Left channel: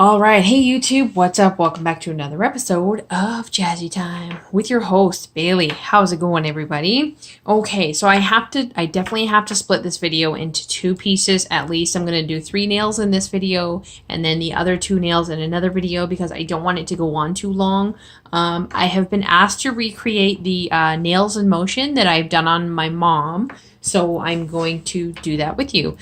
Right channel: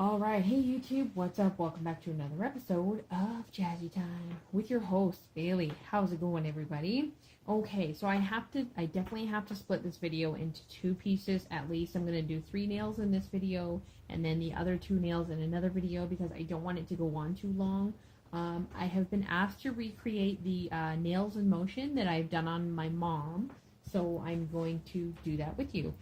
All right, hey YouTube, what's up? Welcome back to another episode of Jazzy Time with your host Bailey. How's it going, everybody? Okay, so I definitely have to split this video into two pieces at least. I'm gonna do 3 nails in this video and then the other 2 nails in another video because I don't want it to go on too long. I have been asked to recreate the nails in motion that I've done on my mom, so I'm going to do that with you.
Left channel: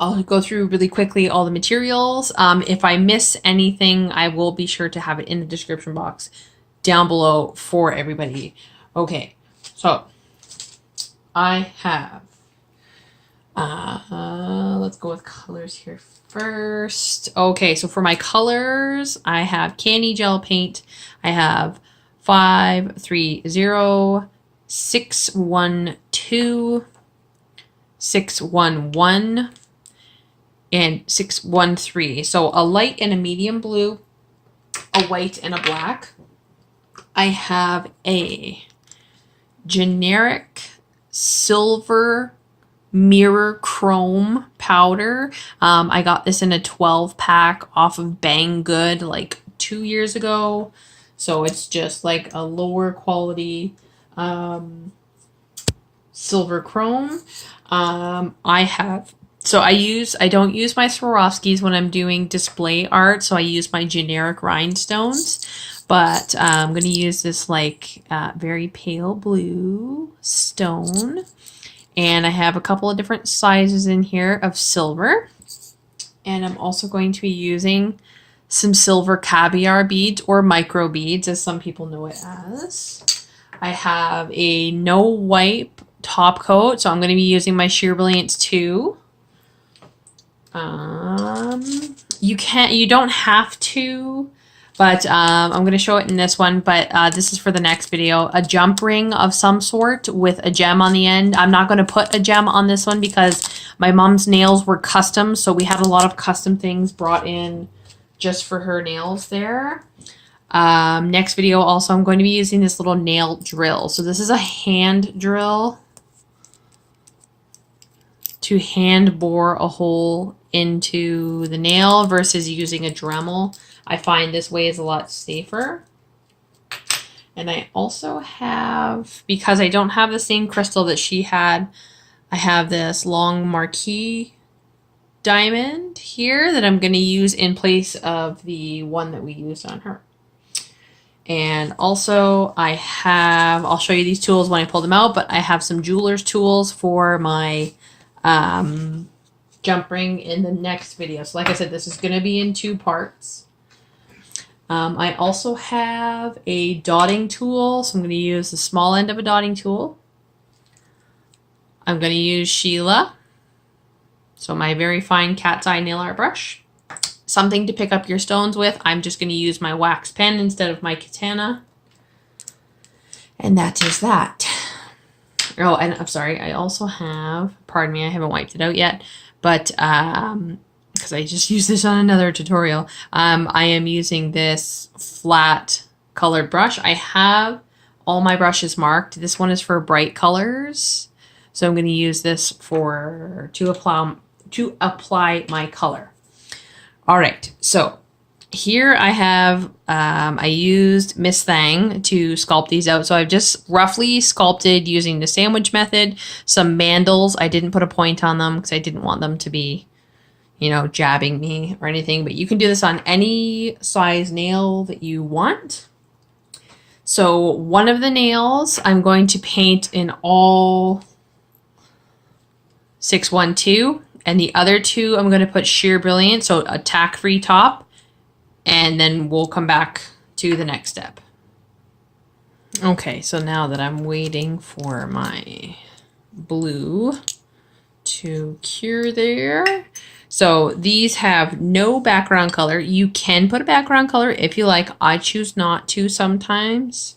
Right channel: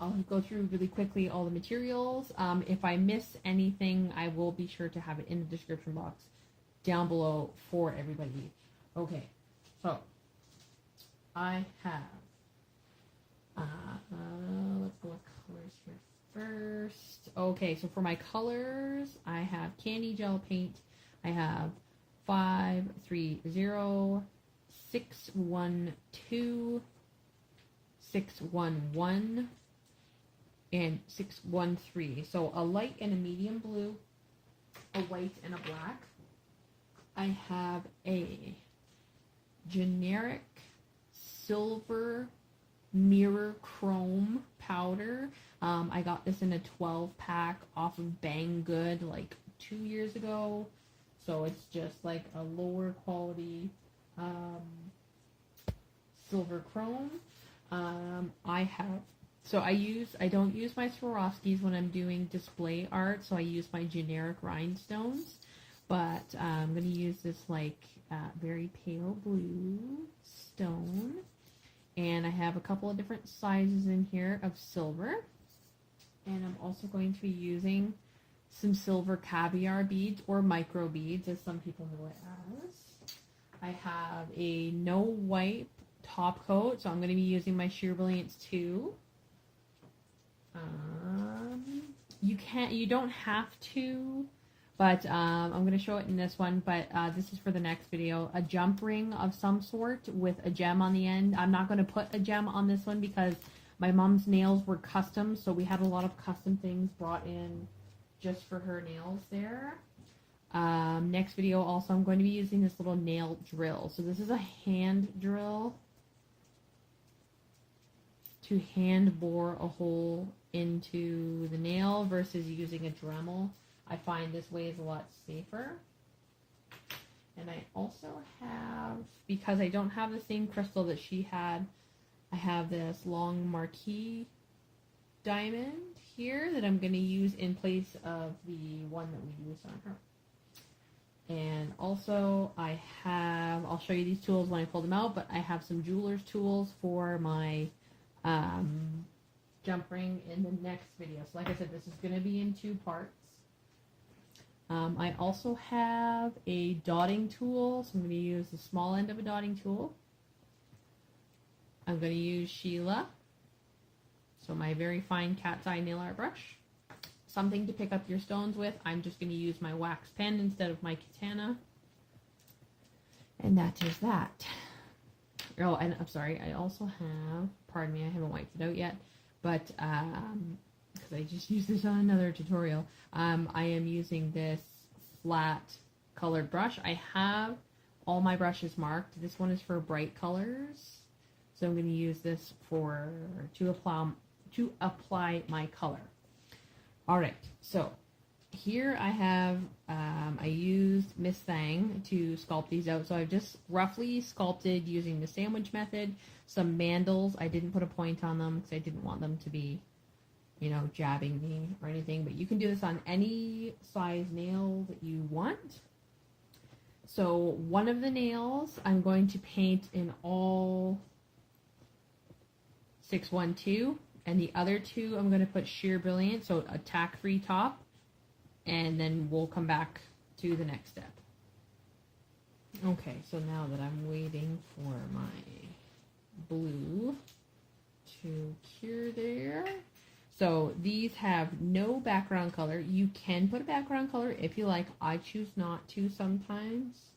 I'll go through really quickly all the materials. If I miss anything, I will be sure to have it in the description box down below for everybody. Okay, so I have, let's go with colors here first. Okay, so for my colors, I have Canni gel paint. I have 530, 612, 611, and 613. So a light and a medium blue, a white and a black. I have a generic silver mirror chrome powder. I got this in a 12 pack off of Bang Good like 2 years ago. So it's just like a lower quality silver chrome. I don't use my Swarovskis when I'm doing display art, so I use my generic rhinestones. But I'm going to use this like very pale blue stone. And I have a couple of different sizes in here of silver. And I'm also going to be using some silver caviar beads or micro beads, as some people know it as. I have a no wipe top coat, so I'm going to be using my Sheer Brilliance 2. You don't have to, but I'm going to show it in this one, but this is for the next video. A jump ring of some sort with a gem on the end. I'm not going to put a gem on this one because my mom's nails were custom, so we had a lot of custom things brought in just for her nails there. Next video also, I'm going to be using this little nail drill. So this is a hand drill to hand bore a hole into the nail versus using a Dremel. I find this way is a lot safer. And I also have, because I don't have the same crystal that she had, I have this long marquise diamond here that I'm going to use in place of the one that we used on her. And also I'll show you these tools when I pull them out, but I have some Jewlers tools for my jump ring in the next video. So like I said, this is going to be in 2 parts. I also have a dotting tool, so I'm going to use the small end of a dotting tool. I'm going to use Sheila, so my very fine cat's eye nail art brush. Something to pick up your stones with. I'm just going to use my wax pen instead of my katana. And that is that. Oh, and I'm sorry, I also have, pardon me, I haven't wiped it out yet, but because I just used this on another tutorial, I am using this flat colored brush. I have all my brushes marked. This one is for bright colors, so I'm going to use this to apply my color. All right, so here I have, I used Miss Thang to sculpt these out. So I've just roughly sculpted using the sandwich method, some mandals. I didn't put a point on them because I didn't want them to be, you know, jabbing me or anything. But you can do this on any size nail that you want. So one of the nails I'm going to paint in all 612. And the other 2, I'm going to put Sheer Brilliance, so a tack-free top, and then we'll come back to the next step. Okay, so now that I'm waiting for my blue to cure there. So these have no background color. You can put a background color if you like. I choose not to sometimes.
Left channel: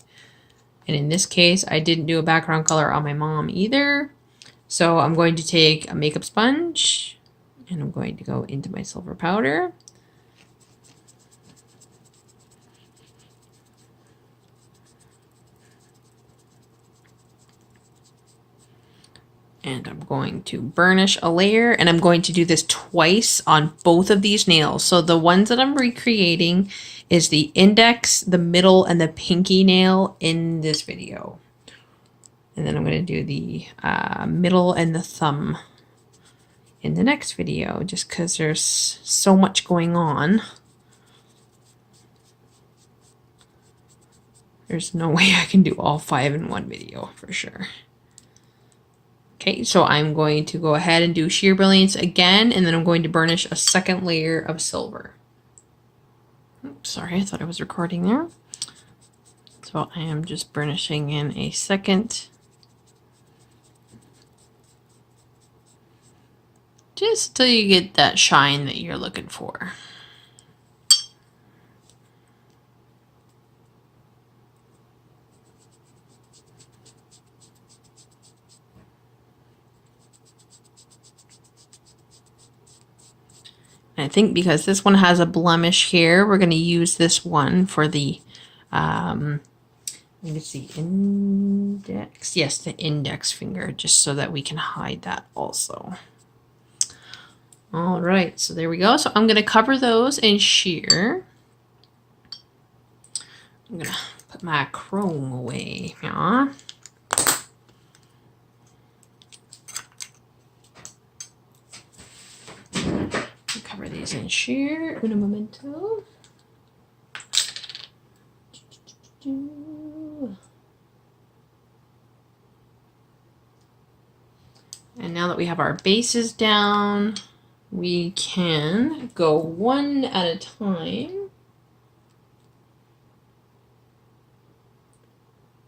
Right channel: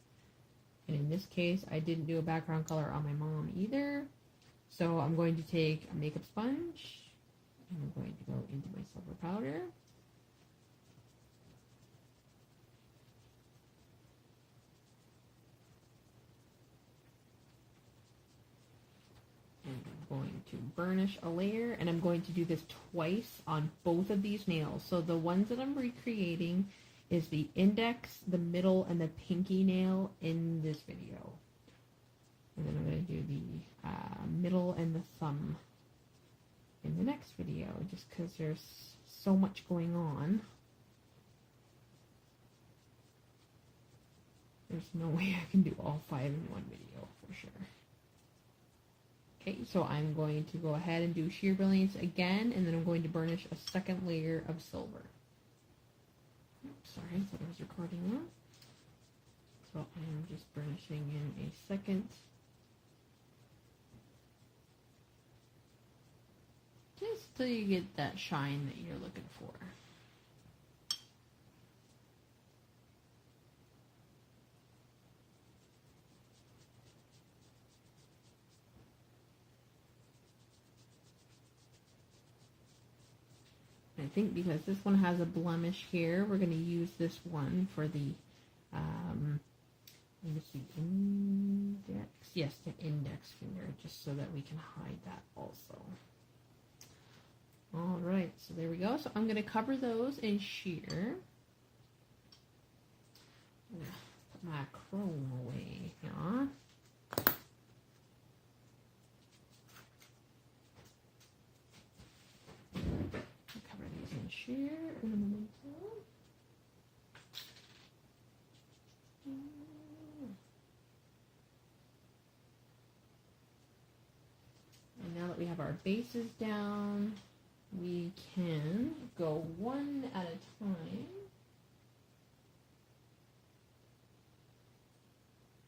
And in this case, I didn't do a background color on my mom either. So I'm going to take a makeup sponge and I'm going to go into my silver powder. And I'm going to burnish a layer, and I'm going to do this twice on both of these nails. So the ones that I'm recreating is the index, the middle, and the pinky nail in this video. And then I'm going to do the middle and the thumb in the next video, just because there's so much going on. There's no way I can do all 5 in one video for sure. Okay, so I'm going to go ahead and do sheer brilliance again, and then I'm going to burnish a second layer of silver. Oops, sorry, I thought I was recording there. So I am just burnishing in a second. Just till you get that shine that you're looking for. I think because this one has a blemish here, we're going to use this one for the, I think it's the index. Yes, the index finger, just so that we can hide that also. All right, so there we go. So I'm going to cover those in sheer. I'm going to put my chrome away. Yeah. Cover these in sheer. Un momento. And now that we have our bases down, we can go one at a time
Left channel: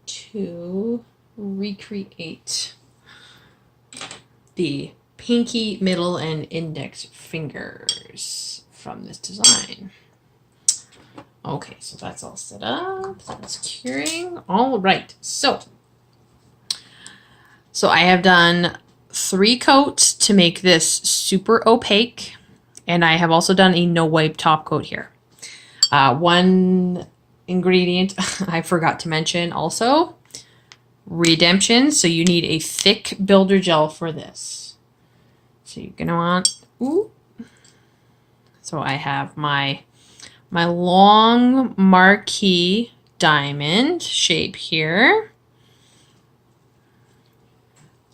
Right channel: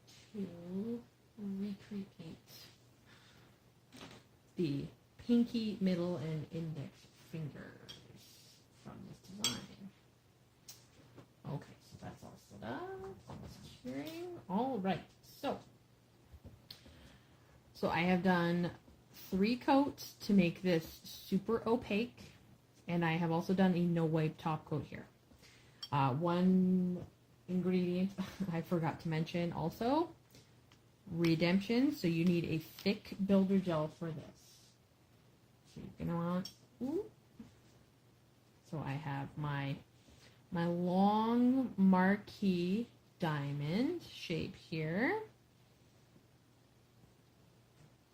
to recreate the pinky, middle, and index fingers from this design. Okay, so that's all set up. That's curing. All right, so I have done 3 coats to make this super opaque, and I have also done a no wipe top coat here. One ingredient I forgot to mention also, redempzion. So you need a thick builder gel for this. So you're gonna want, ooh. So I have my long marquise diamond shape here.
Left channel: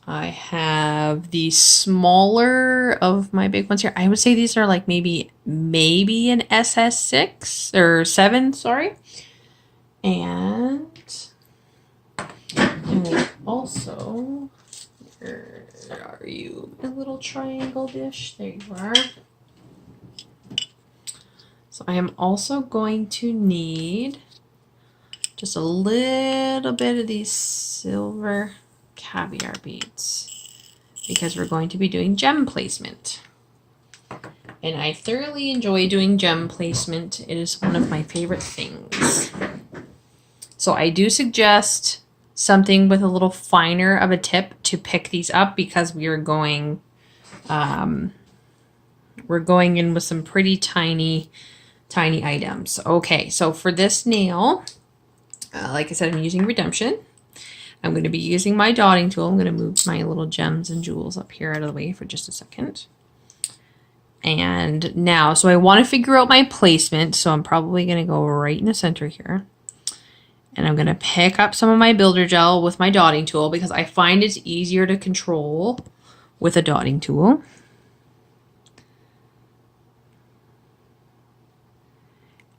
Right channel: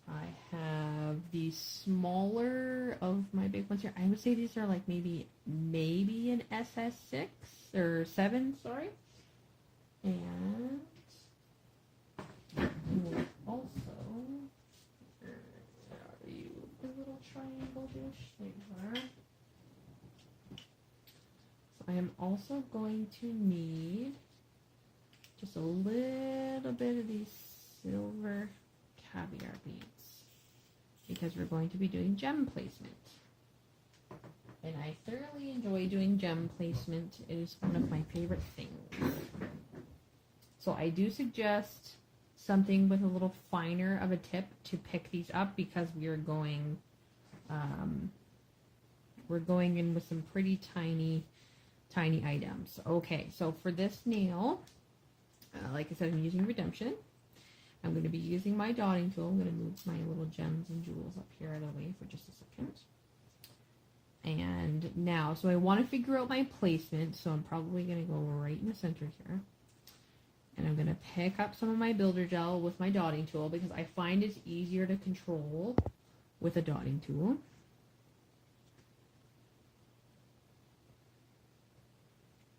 I have the smaller of my big ones here. I would say these are like maybe an SS6 or 7, sorry. And also, where are you, a little triangle dish? There you are. So I am also going to need just a little bit of these silver caviar beads because we're going to be doing gem placement. And I thoroughly enjoy doing gem placement. It is one of my favorite things. So I do suggest something with a little finer of a tip to pick these up because we are going in with some pretty tiny items. Okay, so for this nail, like I said, I'm using redempzion. I'm going to be using my dotting tool. I'm going to move my little gems and jewels up here out of the way for just a second. And now, so I want to figure out my placement. So I'm probably going to go right in the center here. And I'm going to pick up some of my builder gel with my dotting tool because I find it's easier to control with a dotting tool.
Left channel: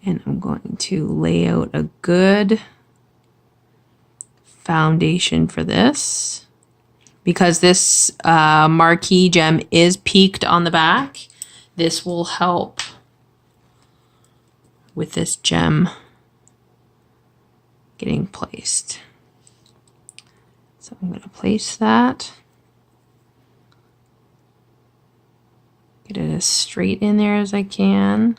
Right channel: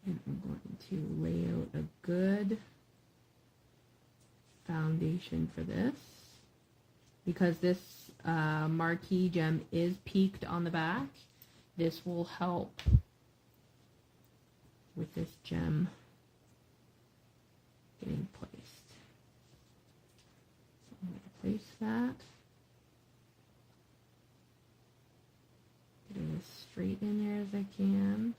And I'm going to lay out a good foundation for this because this marquise gem is peaked on the back. This will help with this gem getting placed. So I'm going to place that. Get it as straight in there as I can.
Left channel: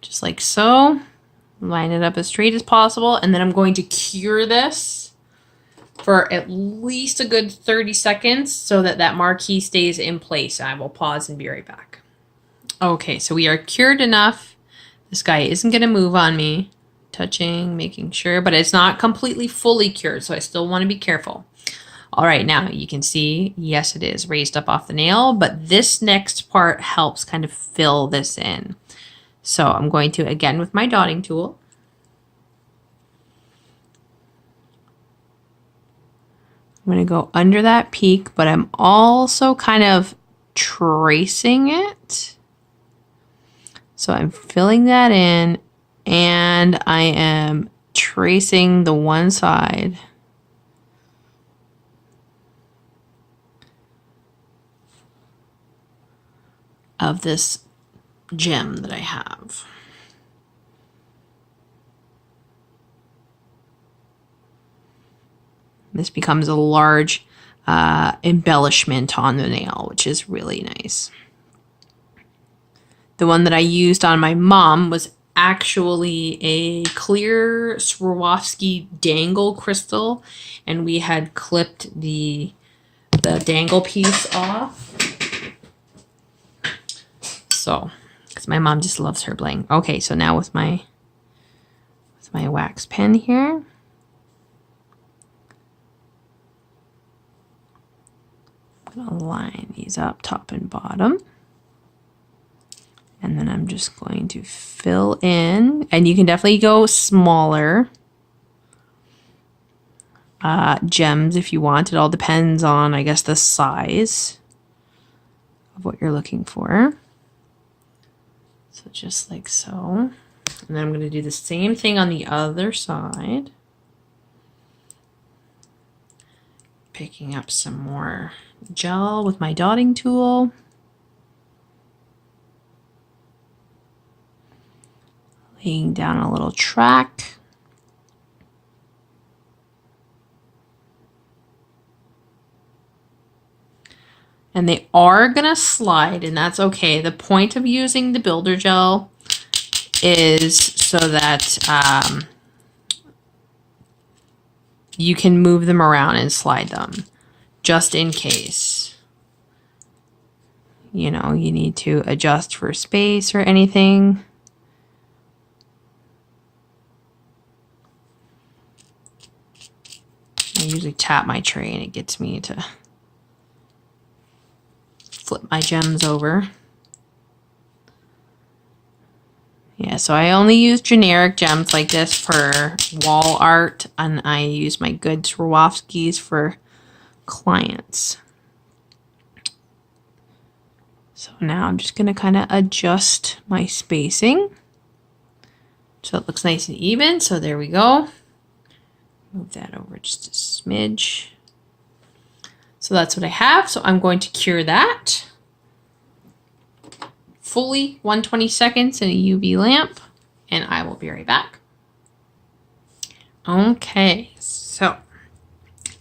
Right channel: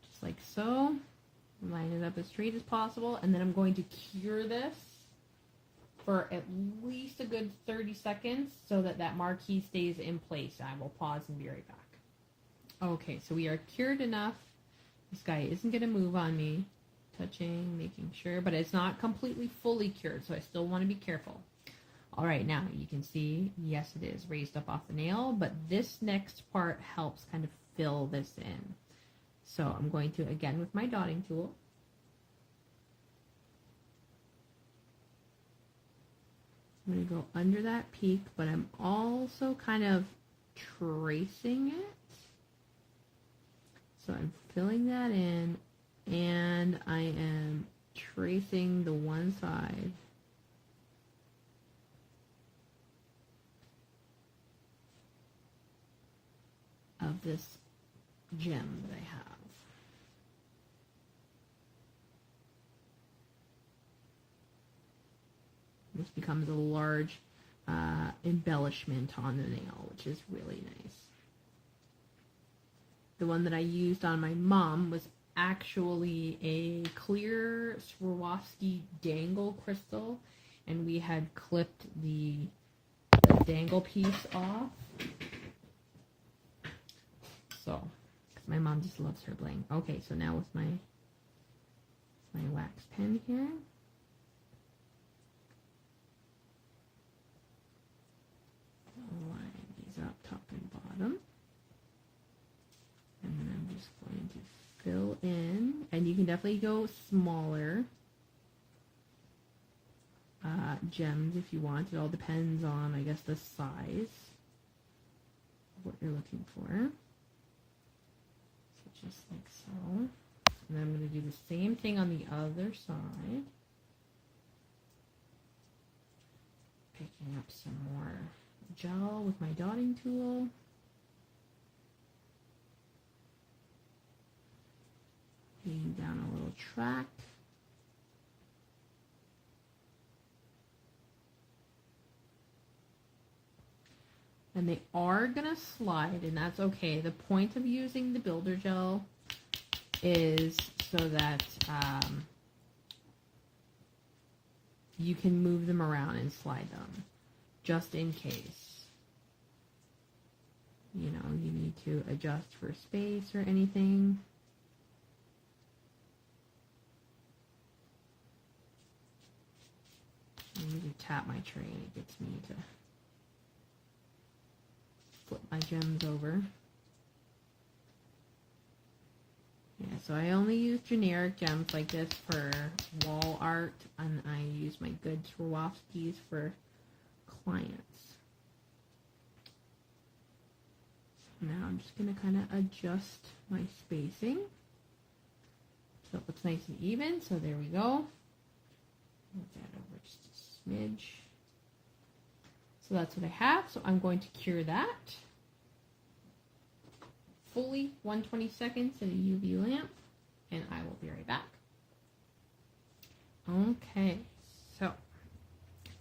Just like so. Line it up as straight as possible, and then I'm going to cure this for at least a good 30 seconds so that that marquee stays in place. I will pause and be right back. Okay, so we are cured enough. This guy isn't going to move on me. touching, making sure, but it's not completely fully cured, so I still want to be careful. All right, now you can see, yes, it is raised up off the nail, but this next part helps kind of fill this in. So I'm going to, again, with my dotting tool, I'm going to go under that peak, but I'm also kind of tracing it. So I'm filling that in, and I am tracing the one side of this gem that I have. This becomes a large embellishment on the nail, which is really nice. The one that I used on my mom was actually a clear Swarovski dangle crystal, and we had clipped the dangle piece off. So, because my mom just loves her bling. Okay, so now with my wax pen here, I'm gonna line these up top and bottom. And then I'm just going to fill in, and you can definitely go smaller gems if you want. It all depends on, I guess, the size of what you're looking for. So just like so. And then I'm going to do the same thing on the other side. Picking up some more gel with my dotting tool. Laying down a little track. And they are going to slide, and that's okay. The point of using the builder gel is so that you can move them around and slide them, just in case, you know, you need to adjust for space or anything. I usually tap my tray and it gets me to flip my gems over. Yeah, so I only use generic gems like this for wall art, and I use my good Swarovskis for clients. So now I'm just going to kind of adjust my spacing so it looks nice and even. So there we go. Move that over just a smidge. So that's what I have. So I'm going to cure that fully 120 seconds in a UV lamp, and I will be right back. Okay, so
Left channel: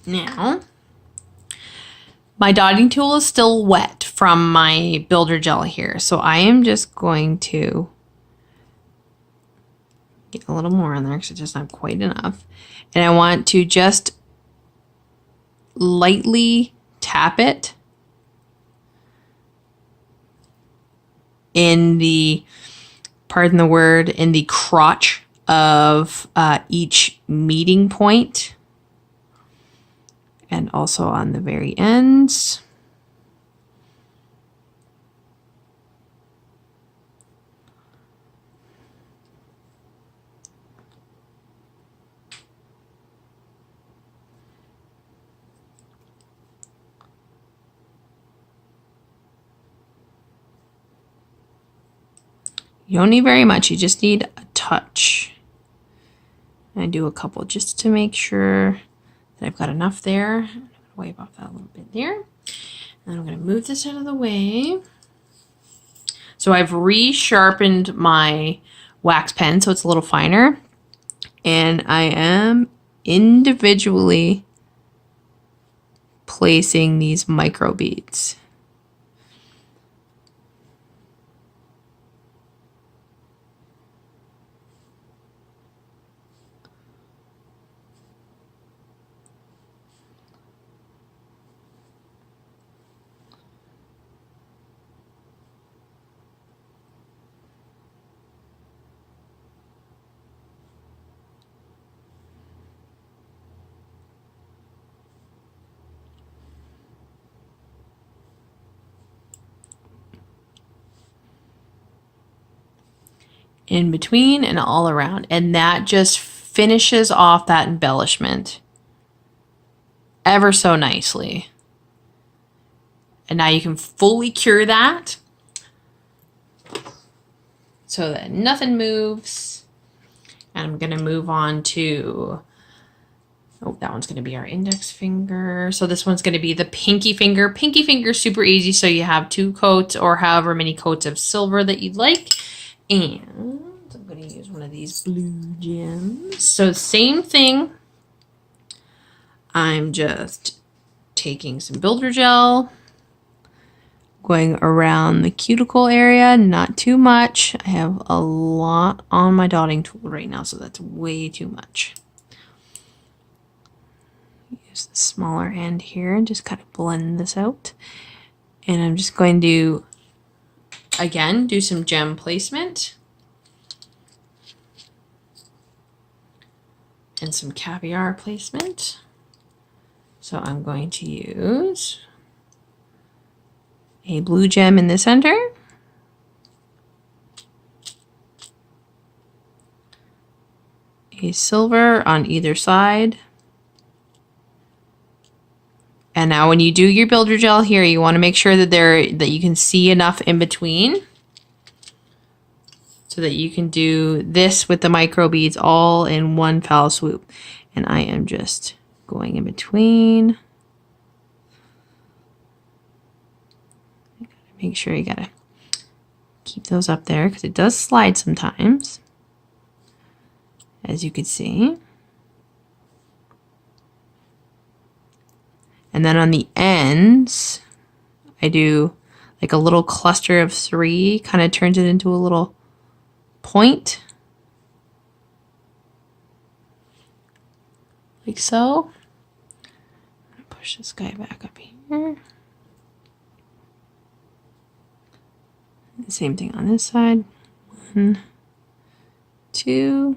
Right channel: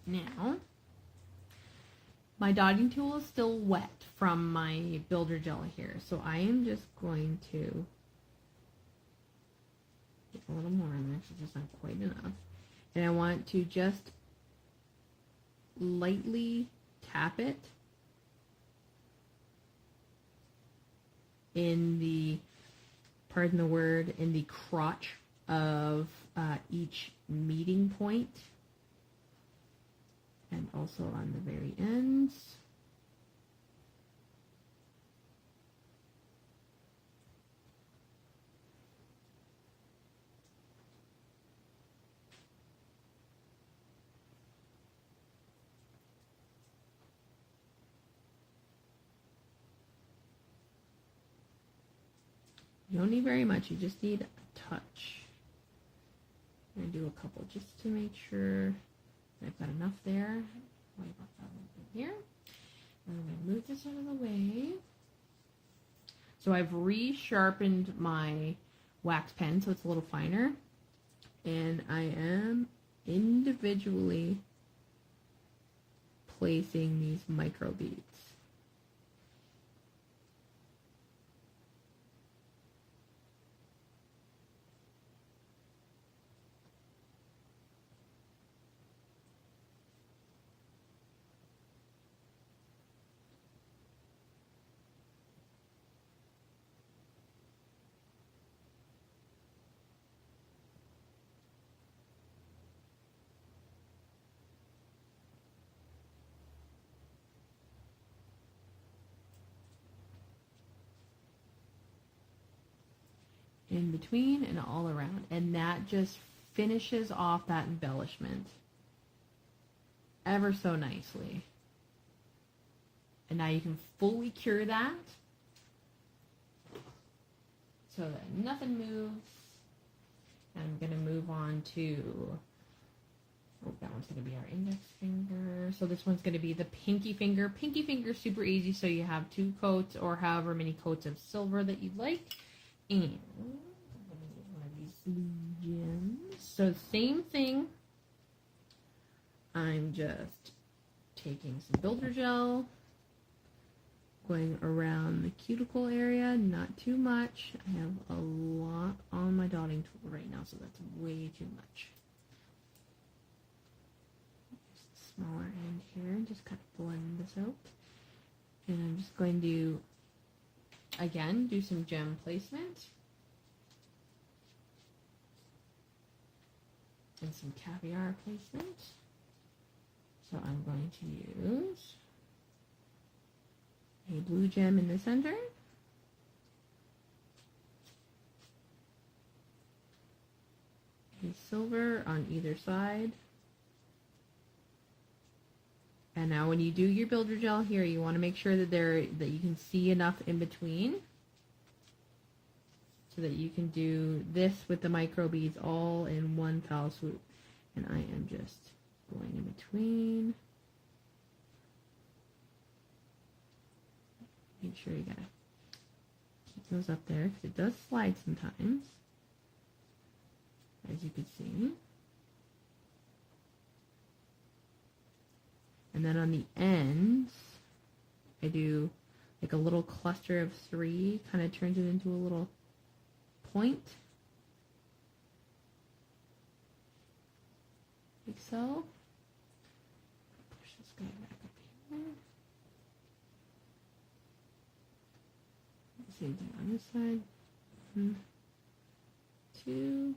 now my dotting tool is still wet from my builder gel here. So I am just going to get a little more on there because it's just not quite enough. And I want to just lightly tap it in the, pardon the word, in the crotch of each meeting point, and also on the very ends. You don't need very much, you just need a touch. And I do a couple just to make sure that I've got enough there. I'm gonna wipe off that little bit there. And I'm gonna move this out of the way. So I've resharpened my wax pen so it's a little finer. And I am individually placing these micro beads. in between and all around. And that just finishes off that embellishment ever so nicely. And now you can fully cure that so that nothing moves. And I'm going to move on to, oh, that one's going to be our index finger. So this one's going to be the pinky finger. Pinky finger is super easy. So you have 2 coats or however many coats of silver that you'd like. And I'm going to use one of these blue gems. So same thing. I'm just taking some builder gel, going around the cuticle area, not too much. I have a lot on my dotting tool right now, so that's way too much. Use the smaller end here and just kind of blend this out. And I'm just going to, again, do some gem placement. And some caviar placement. So I'm going to use a blue gem in the center, a silver on either side. And now when you do your builder gel here, you want to make sure that you can see enough in between so that you can do this with the micro beads all in one foul swoop. And I am just going in between. Make sure you gotta keep those up there because it does slide sometimes, as you can see. And then on the ends, I do like a little cluster of 3, kind of turns it into a little point. Like so. Push this guy back up here. The same thing on this side. 1, 2.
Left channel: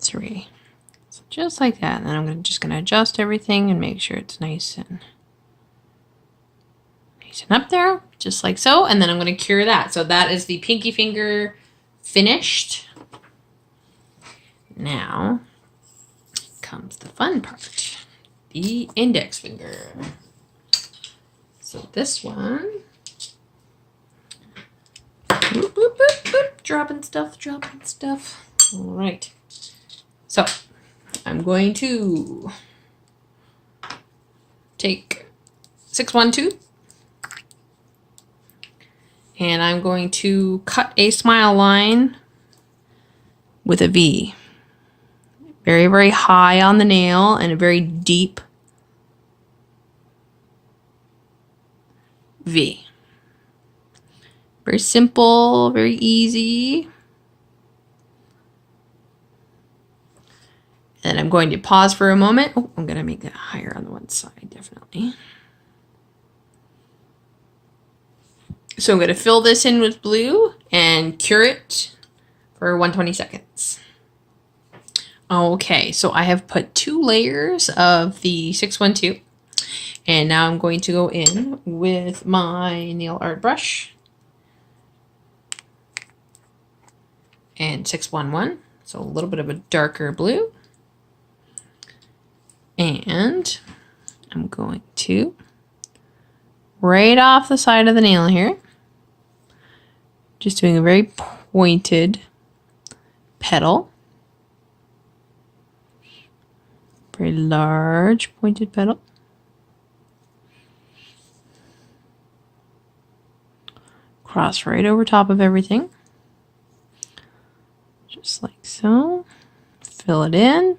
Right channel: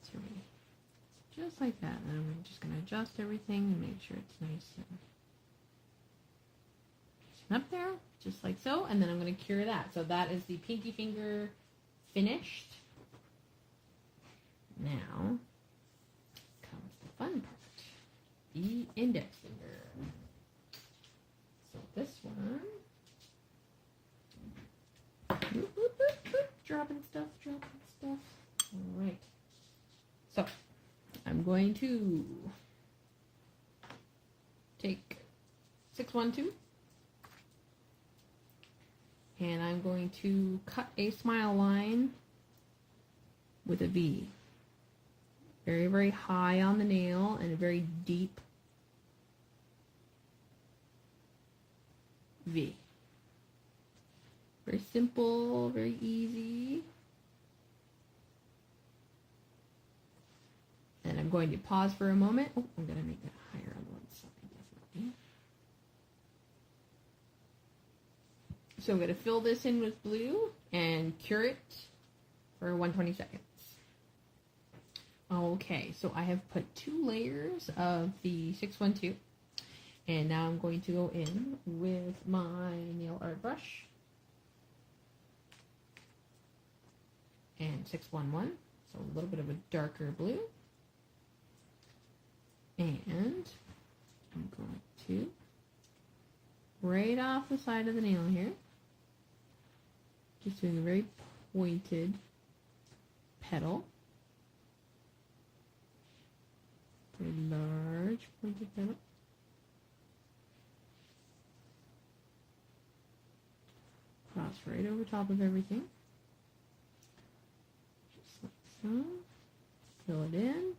3. So just like that. And then I'm just going to adjust everything and make sure it's nice and up there, just like so. And then I'm going to cure that. So that is the pinky finger finished. Now comes the fun part, the index finger. So this one, boop, boop, boop, boop, dropping stuff. All right. So I'm going to take 612 and I'm going to cut a smile line with a V. Very, very high on the nail and a very deep V. Very simple, very easy. And I'm going to pause for a moment. Oh, I'm going to make that higher on the one side, definitely. So I'm going to fill this in with blue and cure it for 120 seconds. Okay, so I have put 2 layers of the 612. And now I'm going to go in with my nail art brush and 611. So a little bit of a darker blue. And I'm going to, right off the side of the nail here, just doing a very pointed petal. Very large pointed petal. Cross right over top of everything. Just like so. Fill it in.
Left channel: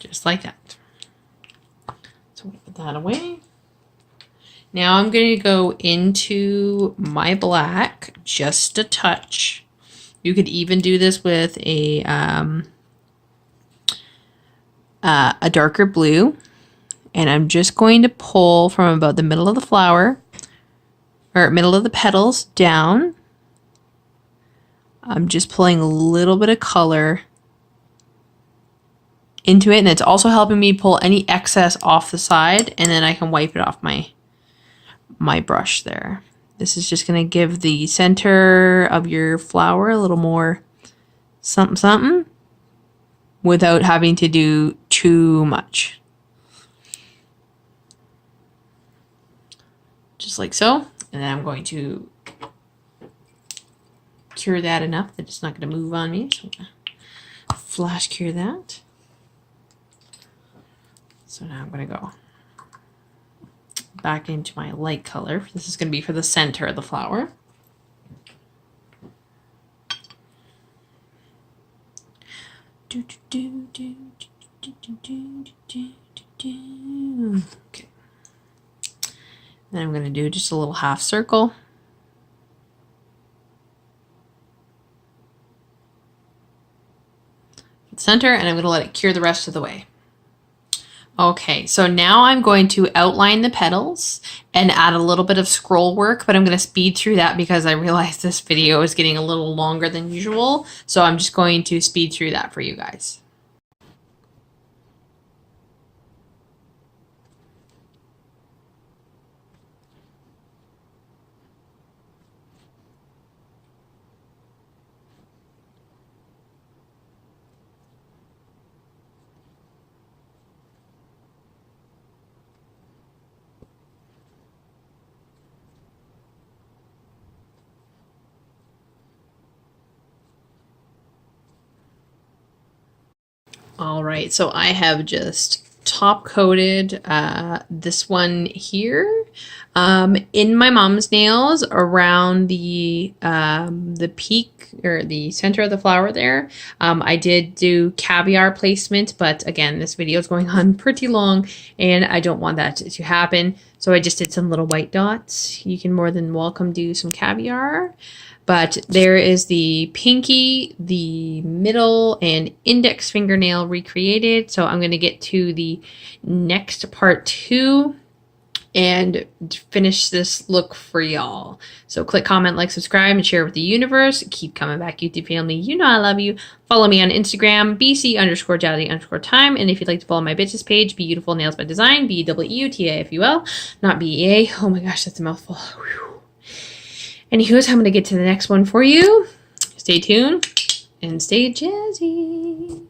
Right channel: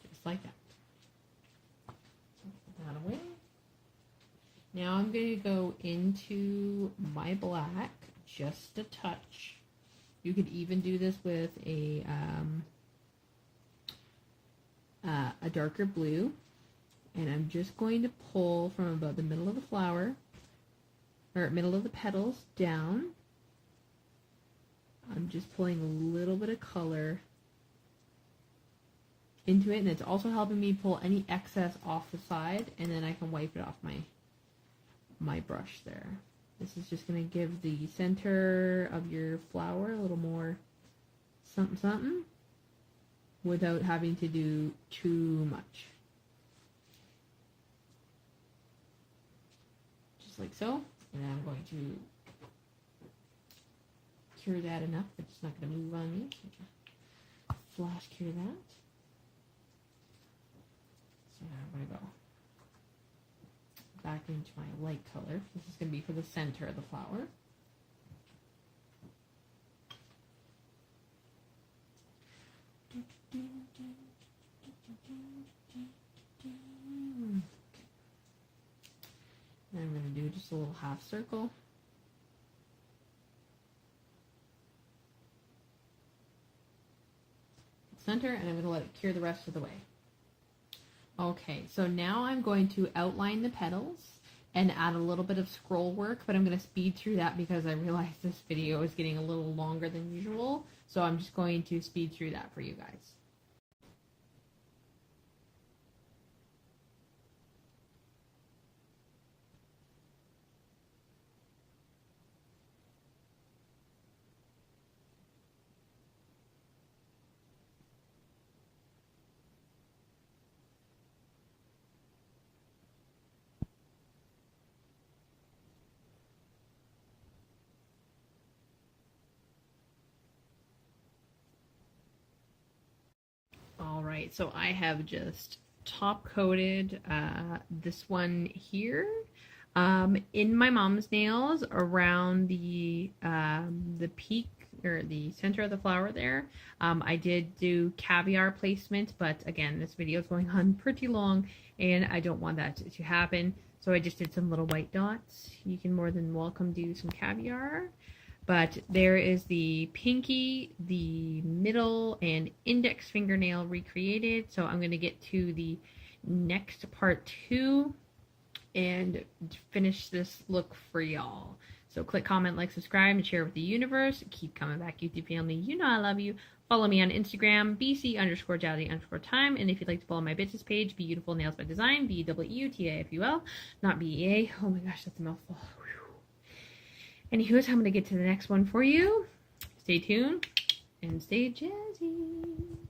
Just like that. So I'm going to put that away. Now I'm going to go into my black just a touch. You could even do this with a darker blue. And I'm just going to pull from about the middle of the flower, or middle of the petals down. I'm just pulling a little bit of color into it, and it's also helping me pull any excess off the side, and then I can wipe it off my brush there. This is just going to give the center of your flower a little more something something without having to do too much. Just like so. And then I'm going to cure that enough that it's not going to move on me. So I'm going to flash cure that. So now I'm going to go back into my light color. This is going to be for the center of the flower. Okay. Then I'm going to do just a little half circle. Center, and I'm going to let it cure the rest of the way. Okay, so now I'm going to outline the petals and add a little bit of scroll work, but I'm going to speed through that because I realized this video is getting a little longer than usual. So I'm just going to speed through that for you guys. All right, so I have just top coated this one here in my mom's nails around the peak or the center of the flower there. I did do caviar placement, but again, this video is going on pretty long and I don't want that to happen. So I just did some little white dots. You can more than welcome do some caviar. But there is the pinky, the middle, and index fingernail recreated. So I'm going to get to the next part 2 and finish this look for y'all. So click, comment, like, subscribe, and share with the universe. Keep coming back, YouTube family. You know I love you. Follow me on Instagram, BC_Jowdy_time. And if you'd like to follow my bitches page, Beautiful Nails by Design, BEUTAFUL, not BEA. Oh my gosh, that's a mouthful. Whew. Anywho, I'm going to get to the next one for you. Stay tuned and stay jazzy.